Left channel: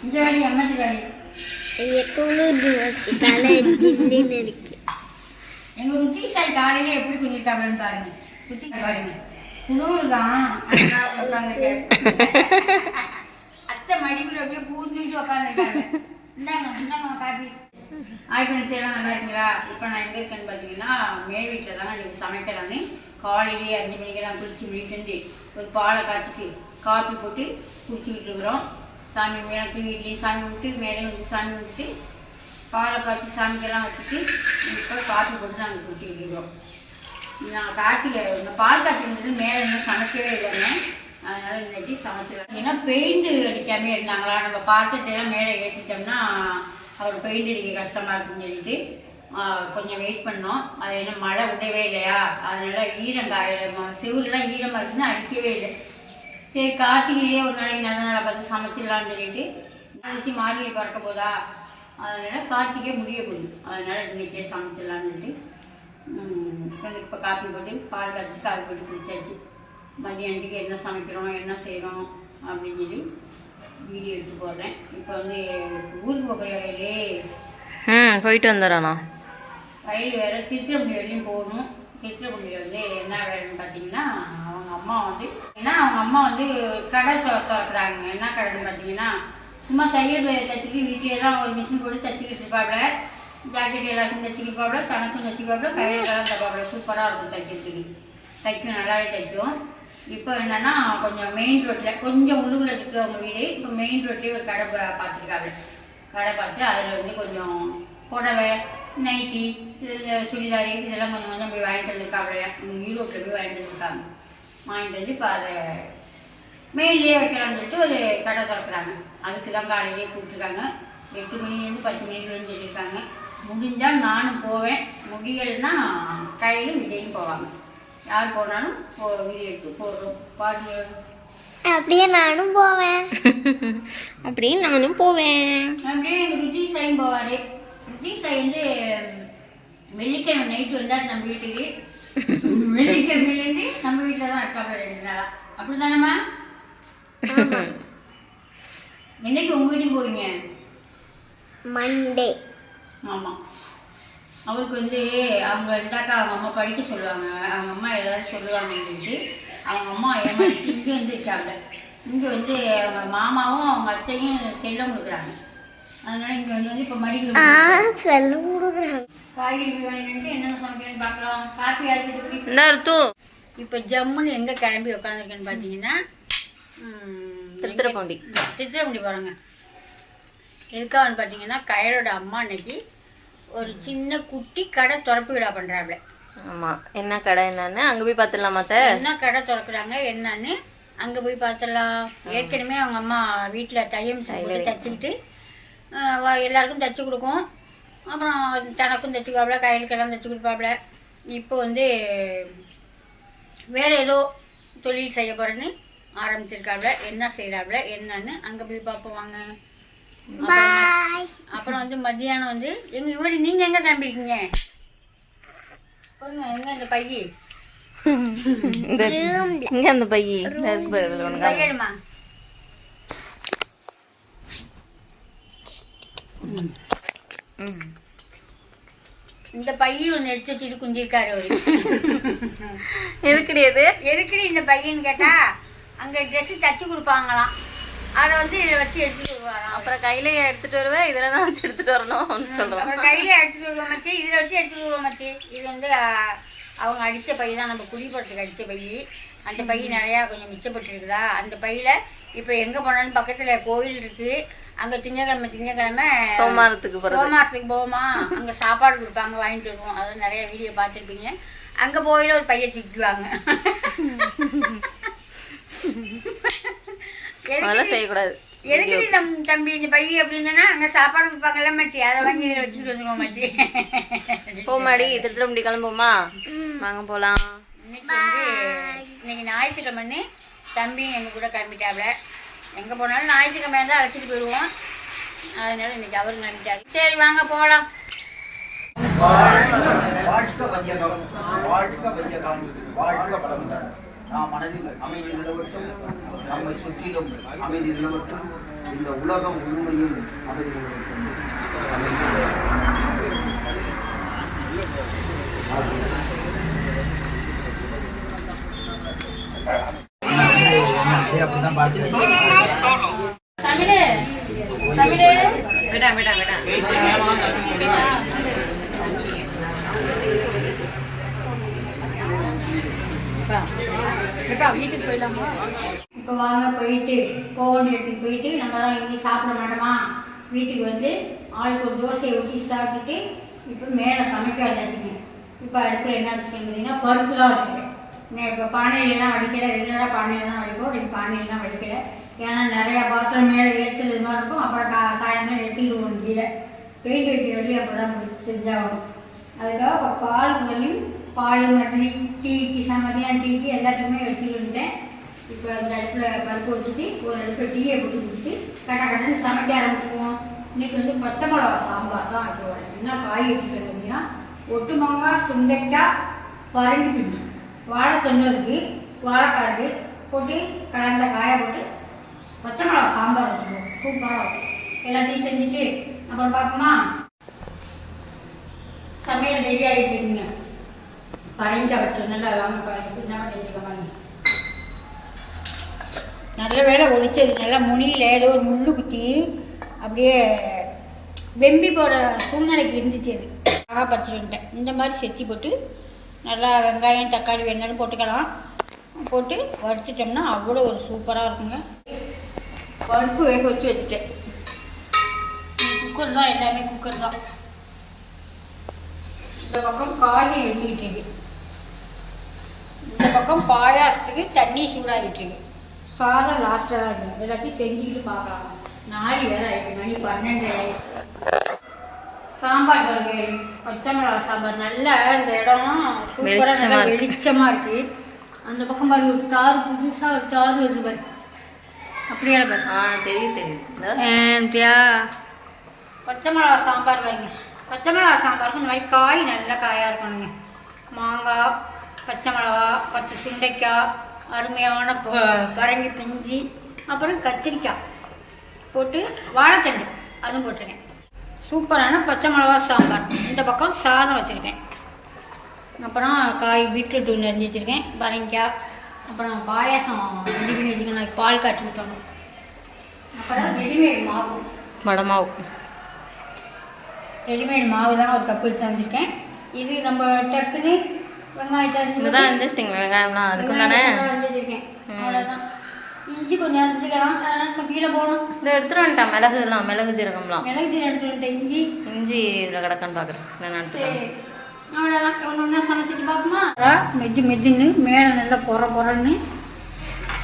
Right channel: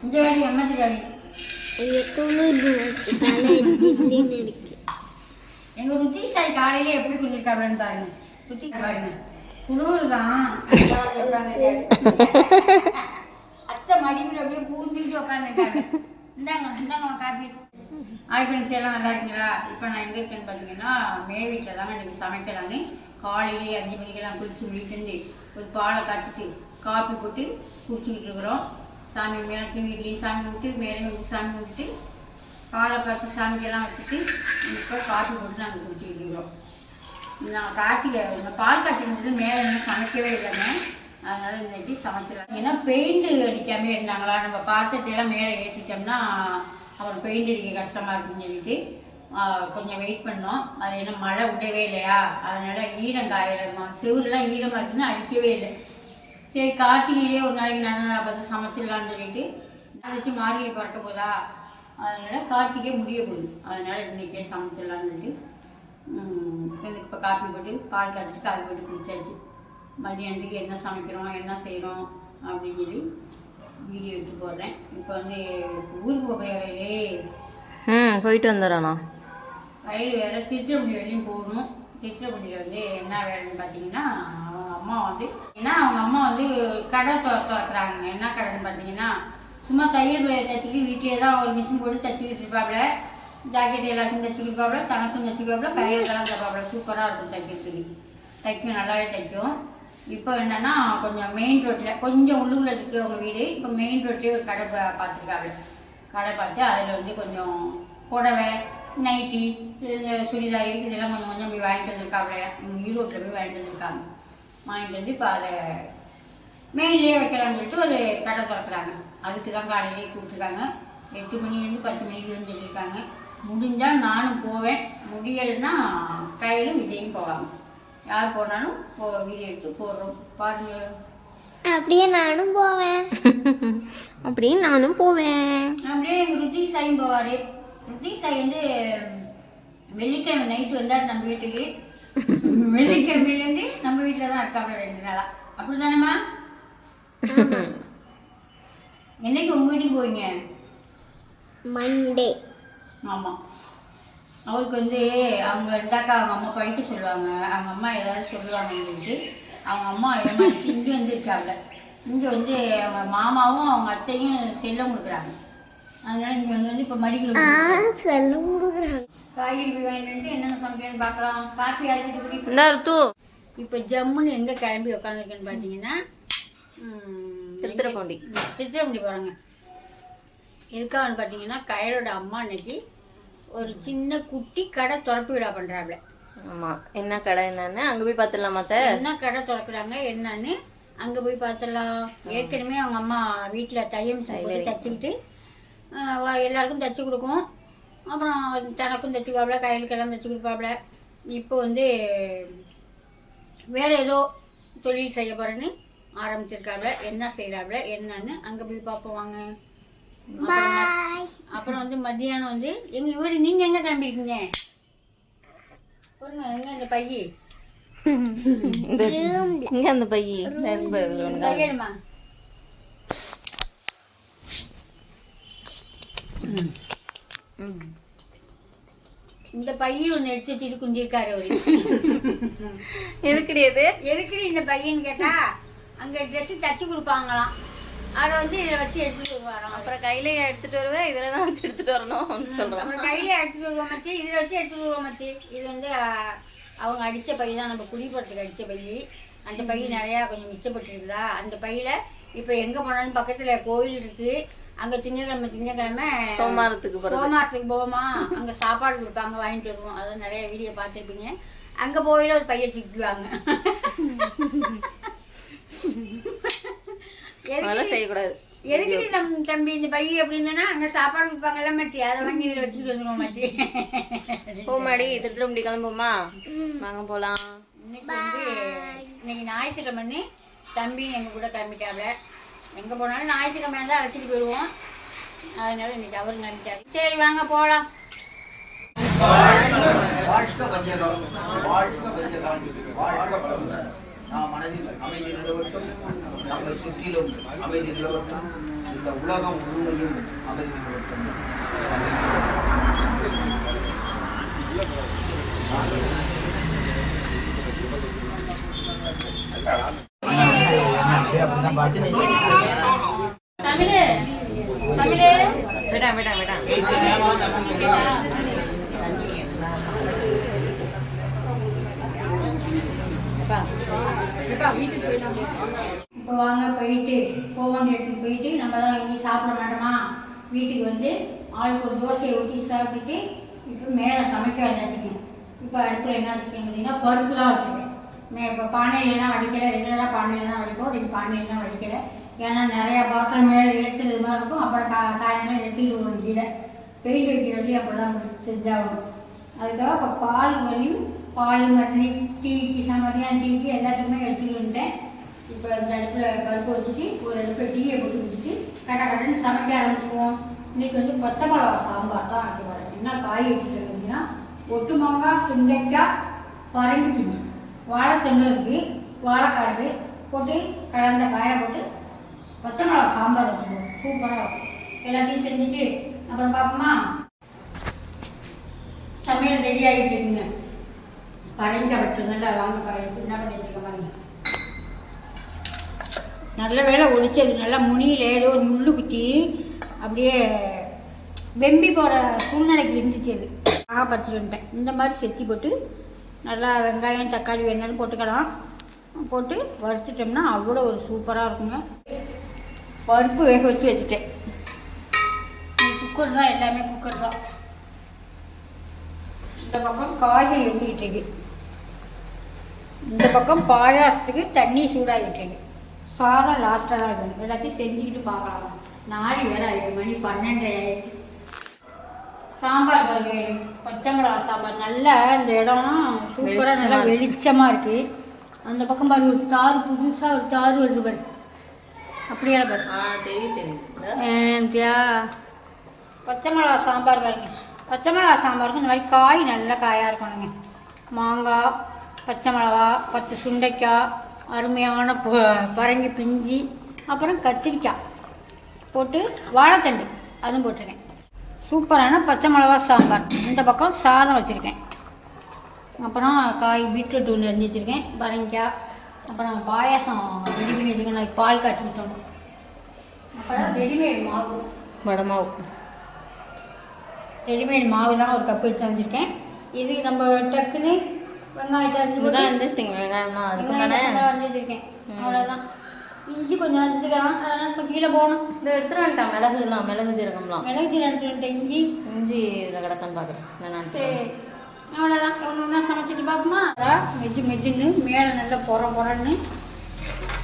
அம்மத்தி வாடி ஐயா குளிர்ந்து வச்சு தலை ஜில்லுன்னு இருக்கு. எங்க ருத்தி சாய் காலையில எப்படி குளிர்க்காப்லன்னு பாருங்க. ருத்தி பாருங்க. குளிர் தான் அத்தை மடிக்குள்ள அப்படியே பூந்துட்டு உட்காந்துருக்காங்க இந்தாங்க இந்தாங்க காப்பி. ஹாய் ஃப்ரெண்ட்ஸ் எல்லாம் நல்லா இருக்கீங்களா? இப்போ நான் எங்கே இருக்கேன்னு பார்த்தீங்கன்னா மே வீட்டில் தாங்க இன்றைக்கி சமைக்கலான்னு காலையிலேயே அஞ்சு மணிக்கெல்லாம் குளிச்சு முடிக்கிட்டு ஒரு பாலை காய்ச்சிட்டு காப்பி போட்டு குடிச்சிக்கிட்டு இருக்கிறோம். சாமி மேலே வீட்லேயும் சாமி விட்டு மேலேயும் வந்து சாமி கும்பிட்டு பாலை பார்த்து சாமிக்கெல்லாம் வச்சுட்டு இப்போ காஃபி போட்டு நாங்கள் குடிச்சிக்கிட்டு இருக்கிறோம் நான் காட்டில இந்த பால் காய்ச்சினது மேலே இன்னும் சமைக்கவே இல்லைங்க. அதனால் இன்னைக்கு சமைச்சிடலாம். ஏன்னா பெயிண்ட் அடிக்காமே இருந்தாங்களா? நம்ம பாத்திரத்தையெல்லாம் மேலே ஏற்றிட்டோம்னா அவர் பெயிண்ட் அடிக்க கஷ்டமாக இருக்குன்னு சொல்லிட்டு கொஞ்சம் வெயிட் பண்ணோம். அது என்ன மழை விடவே இல்லையா? அதனால் ஈரம் காயிரம் செவுருலாம் ஈரமாக இருக்குன்னு அடிக்கவே இல்லை. சரி கார்த்திகையிலே ஒரு நாளைக்கு நல்ல நாளாக பார்த்து சமைச்சிடலாம்னு சொல்லிட்டு நாளைக்கு மார்கழி பறக்க போதா? அதனால கார்த்திகை முடிய போகுது. அதனால இன்னைக்கே சமைச்சிடலாம்னு சொல்லிட்டு ம், கொஞ்சம் இப்போ காப்பி போட்டு பால் காய்ச்சி காப்பி போட்டு குடிச்சாச்சு. மதியானத்துக்கு என்ன சமைக்கிறோம் என்ன செய்கிறோம் அப்படின்னு சொல்லி வீடியோ எடுத்து போடுறேன். இப்போ வந்து ஊருக்கு போகிற வயலே ம் போயிட்டு வந்துடுறோண்ணா. வயல் வேறு திருச்சிராப்பள்ளி வரையும் போகணும். திருச்சிராப்பள்ளியில் வந்து என்ன வேலைன்னு பார்த்தீங்கன்னா அம்மா வந்து ஏன்னா அவங்க அம்மா வந்து கடை திற திறக்கிறாங்க என்ன கடைன்னு பார்த்தீங்கன்னா சும்மா தையல் வேலை வீட்டிலே தான் ஒரு மிஷின் போட்டு தைச்சிக்கிட்டு இருப்பாப்ல. ஜாக்கெட் எல்லாருக்கும் தைச்சிக்கிட்டு இருப்பாப்புல தனக்கும் தைச்சிக்காப்புல கையெல்லாம் தைப்பாப்புல சூப்பராக இருக்கும் தைக்கிறதுக்கு தைக்கும் நல்லாவே தைக்கும் இப்போ என்னன்னா கொஞ்சம் மெயின் ரோட்டில் கொஞ்சம் உள்ளூரில் இருக்குது அவங்க வீடு. இப்போ மெயின் ரோட்லேயே ஒரு கடை பா- கடை பார்த்து அதில் வந்து கொஞ்சம் புடவை நைட்டி சுடிதாரி இதெல்லாம் கொஞ்சம் கொஞ்சம் போய் வாங்கிட்டு வந்திருக்காங்க ஈரோட்டில் போய் வாங்கிட்டு வந்திருக்காங்க. வாங்கிட்டு வந்து இப்போ அதை மெயின்லேயே வைக்கலாம்னு சொல்லிட்டு ஒரு கடை திறக்கிறாங்க. அதுக்கு தான் காலையிலேயே கூப்பிட்டுருக்காங்க எட்டு மணிலேருந்து பத்து மணிக்குள்ளேருந்து சொல்லியிருக்காங்க. முடிஞ்சால் நானும் போவேன். முடியலைன்னா கையிலும் விஜயும் போவாங்க. யார் போனாலும் போ வீடியோ எடுத்து போடுறோம். பாருங்க. அப்படியே நானும் போவேன். அப்படின்னு நானும் போவேன். அப்படியே எங்கள் ருத்தி சாயும் போவார். ருத்தி சாய் வந்து வெள்ளிக்கிழமை நைட்டு வந்தார் நம்ம வீட்டுக்கு. வெள்ளிக்கிழமையிலேருந்து நம்ம வீட்டில் தான் இருக்காப்புல ரெண்டு நாளாக அப்படி தானேம்மா என்னைக்கு உங்கள் வீட்டுக்கு போவீங்க? மண்டே ஆமாம் அவருக்கு வந்து அவங்க இருந்தாக்கா அவங்க அம்மா படிக்க சொல்லுவாங்க. அவங்க அம்மா ஏதாவது சொல்லுவாங்கன்னு சொல்லிட்டு அவங்க அம்மா ஏமாற்றி இங்கே வந்து இருக்காங்க. இங்கே வந்து அவங்க மாமாவும் அவங்க அத்தையும் செல்லம் கொடுக்குறாங்க. அதனால இங்கே வந்து வந்து இப்போ மடிக்கல. செல்லம் கொடுக்குறாங்க. காய்கறி போய் வாங்கிட்டு என்னென்ன சமைக்கிறேன்னு பார்க்கலாம். காப்பி அரைச்சிட்டு குடி என்ன ருத்து இப்போ ஜம்முன்னு எங்கே கிளம்பி உட்காந்துருக்கேன்னு பார்த்தீங்கன்னா ம், திருத்துறைப்பூண்டி திருச்சிராப்பள்ளி போகிறோங்க எதுக்காகன்னு பார்த்தீங்கன்னா கயலோட அம்மா அன்னைக்கு ஒரு சின்ன குட்டி கடை திறப்பு விழா பண்ணுறாப்புல ஆமாம் என்ன கடை என்னன்னு? அங்கே போய் பார்த்துடலாமா அத்தை? என்ன கடை திறக்கிறாங்க என்னன்னு? அங்கே போய் பார்த்துடலாம். ஏற்கனவே அவங்க அம்மா வீட்டில் தையம் போட்டு தச்சுக்கிட்டு எல்லாருக்கும் தச்சு கொடுக்கும். அப்புறம் தனக்கும் தச்சுக்காப்புல கையிலுக்கெல்லாம் தச்சு கொடுப்பாப்புல இப்போ வந்து வேற ஏதோ தொழில் செய்ய போறேன்னு ஆரம்பிச்சிருக்காப்புல என்ன செய்யறாப்புல என்னன்னு அங்கே போய் பார்ப்போம் வாங்க அப்புறம் வந்து மத்தியானம் வந்து எங்க இவர் நீங்க எங்க கிளம்பிருக்கீங்க? பாருங்க எங்க இந்த பையி? இந்த இங்கே அந்த பையி. இந்த இந்த பையன் ஒன்று எடுத்து வச்சுட்டு குஞ்சிருக்காரு அவரு. எதுக்குடி அது? எதுக்குடி இந்த பையன்னு கேட்டா அங்க ட்ரெஸ் தச்சு கொடுப்பாங்களாம். அதை வந்து இதில் வச்சு எடுத்துட்டு வருவாராம் அப்புறம் கையில எடுத்துட்டு வருவேன் இதில் தான் வச்சு எடுத்துட்டு வரணும் சொல்கிறோம் அப்புறம் கையில எடுத்துட்டு வருவோம் மச்சி இதில் வச்சு எடுத்துட்டு வருவோம் மச்சி. இது வந்து அவங்க அடிச்ச பை தான் நம்ம குடிபோறதுக்கு அடிச்ச பை. அந்த பை நிறையா கொஞ்சம் மிச்சப்பட்டுருக்குதா? அந்த பையில இப்போ எங்க போனாலும் பக்கத்துல கோயில் இருக்கு. அங்க திங்கக்கிழமை திங்கக்கிழமை சோமாரத்துக்கு போகிறது சோமாசத்துக்கு போவோமா? அங்க சாப்பாடு கொடுப்பாங்க வாங்கிட்டு வருவோம். அதான் நிறைய வீடியோ பார்த்துருப்பீங்க. அங்க போயில ஒரு பைய தூக்குவாங்க அதெல்லாம் செய்யக்கூடாது. எதுக்கு நம் தம்பி இந்த பை அப்படின்னா அங்க சாப்பாடு கொடுப்பாங்கல்ல மச்சி? அதை வாங்கி இதில் வச்சுக்கிட்டு வந்துருவோம் மச்சி. போமாடி திருத்திரம்படி கிளம்புமா வாங்க போகலாம் இன்னைக்கு வந்து இன்னைக்கு ஞாயிற்றுக்கிழமைன்னு தம்பி எங்க கூட கிளம்பிட்டாப்ல. எங்கே போனாலும் ஞாயிற்றுக்கிழமை தான் அழைச்சிட்டு போயிடுவோம். அதனால இன்னைக்கு அவர் நினைச்சாரு சரி வாங்க போகலாம் வாழ்க வையகம் வாழ்க வையகம் வாழ்க வளமுடன். நாம் மனதில் அமைதி நிலவட்டும் நம்மை சுற்றிலும் அமைதி நிலவட்டும் இந்த உலகம் உண்மையும் அதை அப்படிதான் பாட்டு விடா விடா விடா இப்போ வாங்க போயிட்டு போகணும் எடுத்துட்டு போயிட்டு நம்ம தான் இங்கே சாப்பிட மாட்டோமா? வீட்டுக்கு வந்து ஆளுக்கு ஒரு தோசையை ஊற்றி சாப்பிட்டுட்டு இப்போ மேலே சமைக்க வந்தாச்சுங்க. இப்போ அடுப்பில் என்ன வச்சுக்கணும் பார்த்தீங்கன்னா பருப்பு தான் வச்சுருக்கேன் மே இப்போ பானையில் தான் வடிக்கலை ரெகுலராக பானையில் தான் வடிப்போம் ரெண்டு பானையில் தான் வடிக்கலை. ஏன்னா நிறையா பாத்திரம் மேலே ஏற்றுறது மாதிரி இருக்கும். அப்புறம் கா சாயந்தரம் எடுத்துக்கிடுவோம் கீழே. பெயிண்ட் வைக்கிற வரையும் அப்போ தான் முடிச்சு செஞ்சாகணும். அதுக்காக இப்போ பால் வரையும் பால் மற்றும் டீக்கு சமதியான டீக்கு எல்லாத்துக்குமே எடுத்துகிட்டு வந்துட்டேன். இப்போ இந்த அடுப்பில் பருப்பு வச்சுட்டு ஒரு அடுப்பில் டீயை போட்டு குடிச்சிட்டு கட்ட கட்டன்னு சமைக்க ஆரம்பிச்சுக்குவோம் இன்றைக்கி வந்து பச்சை மிளகா சாம்பார் தான் வைக்க வரேன் என்ன காய் வச்சுக்கிறேன் அப்படின்னா ஒட்டு மாங்காய் சுண்டைக்காய் பரங்கி பிஞ்சு வாழைத்தண்டு வாழைக்காருக்கு போட்டு கலந்த காயை போட்டு பச்சை மிளகா சாம்பார் வச்சுருவோம் சூப்பராக இருக்கும். எல்லாத்தையும் செஞ்சுட்டு அப்புறம் பார்ப்போமா? சமையல் ரெடி ஆகிட்டு இருக்குங்க. பரங்கிக்காய் வச்சு நல்லா வாங்க பரங்கி. என்ன பண்ணி வச்சுருக்க மாதிரி நல்ல வேலை ஒழிச்சது. நல்லா முனியில் ஏதோ ஒரு முள்ளு குத்தி அப்படியே வெம்பி போகிற சூழ்நிலைக்கு இருந்துச்சு அது. ஆகா பறிச்சுட்டு வந்துட்டேன். இந்த மாதிரி செத்தி போட்டு நல்லா வெங்காயம் தக்காளி வேணாலும் போட்டுக்கலாம். போட்டு வறுத்துட்டோம்னா அவ்வளோ ஒரு சூப்பராக இருக்குங்க. பருப்பு வேக வச்சு வச்சுட்டேன். குக்கர் தான் எல்லாமே குக்கர் தான். இந்த பக்கம் காய்கறி எடுத்துக்கிட்டு இருக்கு. இந்த பக்கம் பாயாசத்துக்கு தண்ணி சூடாகிட்டு இருக்கு. சாதம் லாஸ்ட்டாக தான் இருக்கும் எல்லாத்தையும் செஞ்சுக்கிட்டு பார்க்கலாம். நாலு வேற ஆயிடுச்சு. மணி பன்னெண்டு ஆயிடுச்சு. சாம்பார் பாருங்க பச்சை மிளகா சாம்பார். நல்லா இந்த இடம்லாம் சூப்பராக நல்லா. வெளிச்சமாக இருக்கு. அந்த பக்கம் பாருங்க ஒரு தாறு புதுசாக ஒரு தாறு வருது பாரு. அப்படியே பாரு. ஆ தெரியும் தெரியும் பச்சை மிளகா சாம்பார் பாருங்க. பச்சை மிளகா சாம்பாருக்கு இந்த மாதிரி காய் நல்ல காயாக இருக்கணுங்க. மாங்காய் பச்சை மிளகா பத்து சுண்டைக்காய் அருமையான பரங்கி பிஞ்சி அப்புறம் கத்திரிக்காய் போட்டு வாழைத்தண்டு அதுவும் போட்டிருக்கேன். சூப்பரான பச்சை மிளகா சாம்பார். இந்த பக்கம் சாதம் வச்சுருக்கேன். அப்புறம் காய் பீட்ரூட் ஒன்று அரிஞ்சு வச்சுருக்கேன். பரங்கிக்காய் அப்புறம் பாயாசம். ரெடி பண்ணி வச்சுக்கணும் பால் காய்ச்சி விட்டணும் அப்புறம் ரெடிமேட் மாவு. வடமாவு. ரெடிமேட் மாவுலாம் ஒரு கப்பு எடுத்து வந்திருக்கேன் இது நம்ம டக்குன்னு வெங்காயத்தை அரிஞ்சு வெங்காயம்லாம் தானே அரிஞ்சு வச்சிருக்கேன். அவ்வளோதான் இஞ்சி கொஞ்சம் அரிஞ்சுக்கலாம் அதனால் நம்ம கீழே போகணும். இந்த எடுத்துட்டு வந்துட்டேன் மிளகுலாம் மிளகு ஜீரகம்லாம். மிளகு ஜீரகம் எடுத்து வந்துட்டேன் இஞ்சி. இஞ்சி இதில் கிடக்கான்னு பார்க்குறேன் நான் எடுத்துக்கிறேன். அவ்வளோதான் ஒன்று ஒன்றா சமைச்சிட்டு பார்ப்போமா? மெஜ்ஜு மெஜ்ஜுன்னு மேலே நல்லா பொற பொறன்னு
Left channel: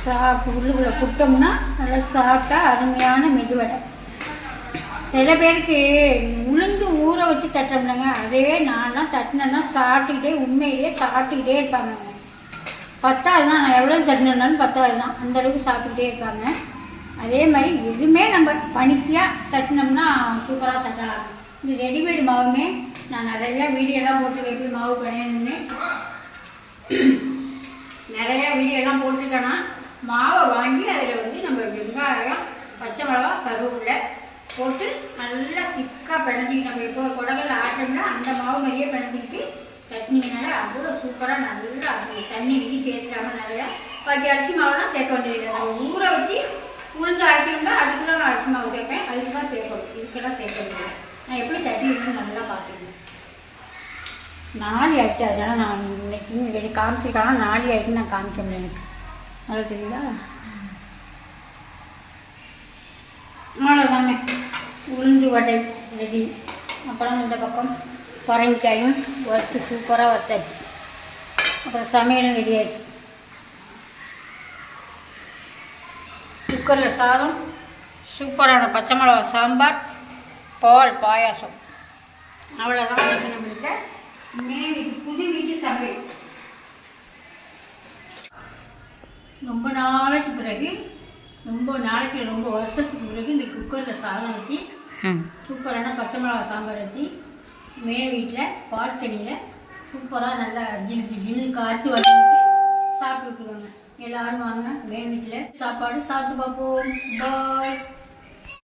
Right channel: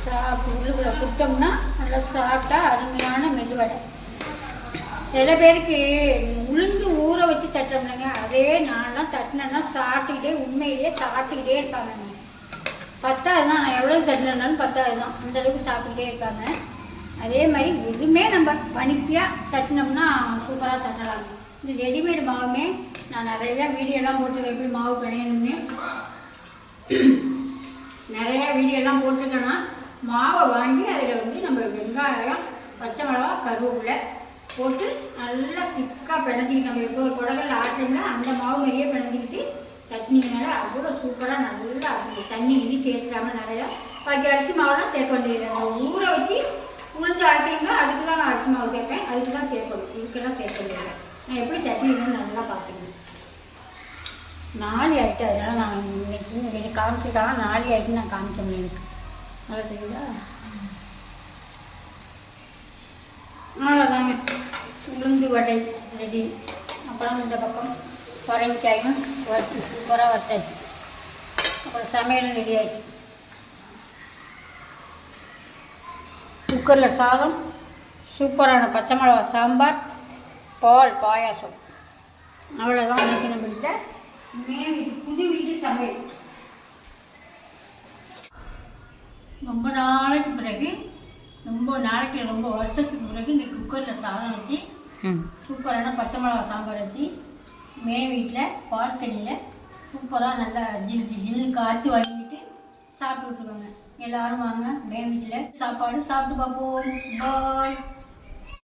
சாப்பிட்டு உள்ளுக்குள்ள குட்டோம்னா நல்லா சாப்பிட்டா அருமையான மெதுவடை சில பேருக்கு உளுந்து ஊற வச்சு தட்டோம்லங்க. அதே நான்லாம் தட்டினேன்னா சாப்பிட்டுக்கிட்டே உண்மையிலேயே சாப்பிட்டுக்கிட்டே இருப்பாங்க. பத்தாவது தான் நான் எவ்வளோ தட்டினாலும் பத்தாவது தான் அந்த அளவுக்கு சாப்பிட்டுட்டே இருப்பாங்க. அதே மாதிரி எதுவுமே நம்ம பனிக்கியாக தட்டினோம்னா சூப்பராக தட்டலாம். இந்த ரெடிமேடு மாவுமே நான் நிறையா வீடியோலாம் போட்டு எப்படி மாவு பயணுன்னு நிறையா வீடியோலாம் போட்டுருக்கேன்னா மாவை வாங்கி அதில் வந்து நம்ம வெங்காயம் பச்சை மிளகா கருவேப்பிலை போட்டு நல்லா திக்காக பிணைஞ்சிக்கிட்டு நம்ம எப்போ குடகல்ல ஆட்டோம்னா அந்த மாவு மாதிரியே பிணைஞ்சிக்கிட்டு சட்னிங்கனால அவ்வளோ சூப்பராக நல்லா இருக்கும். தண்ணி இனி சேர்த்துடாம நிறையா. பாக்கி அரிசி மாவுலாம் சேர்க்க வேண்டியதில்லை நான் ஊற வச்சு உளுந்து அரைக்கணும்னா அதுக்கு தான் நான் அரிசி மாவு சேர்ப்பேன். அதுக்கு தான் சேர்க்கணும் இதுக்கெல்லாம் சேர்க்க வேண்டியதில்லை நான் எப்படி தட்டிடுறேன்னு நல்லா பார்த்துக்கணும். நாலு ஆகிட்டு அதனால் நான் இன்னைக்கு இன்னைக்கு காமிச்சிருக்காங்க. நாலு ஆகிட்டு நான் காமிச்சேன் எனக்கு. நல்லா தெரியுதா? அவ்வளோதாங்க உளுந்து வடை ரெடி அப்புறம் இந்த பக்கம் பரங்கிக்காயும் வறுத்து சூப்பராக வறுத்தாச்சு அப்புறம் சமையலும் ரெடி குக்கரில் சாதம் சூப்பரான பச்சை மிளகா சாம்பார் பால் பாயாசம். அவ்வளோதான் இன்னைக்கு நம்மள்கிட்ட மே வீட்டு புது வீட்டு சமையல். ரொம்ப நாளைக்கு பிறகு ரொம்ப நாளைக்கு ரொம்ப வருஷத்துக்கு பிறகு இந்த குக்கரில் சாதம் வச்சு சூப்பரான பச்சை மிளகா சாம்பார் வச்சு மே வீட்டில் பால்கனியில் தண்ணியில் சூப்பராக நல்லா ஜில் ஜில்லு காற்று சாப்பிட்டு சாப்பிட்டுருக்காங்க எல்லாரும் வாங்க மே வீட்டில் சாப்பாடு சாப்பிட்டு பார்ப்போம். பாய்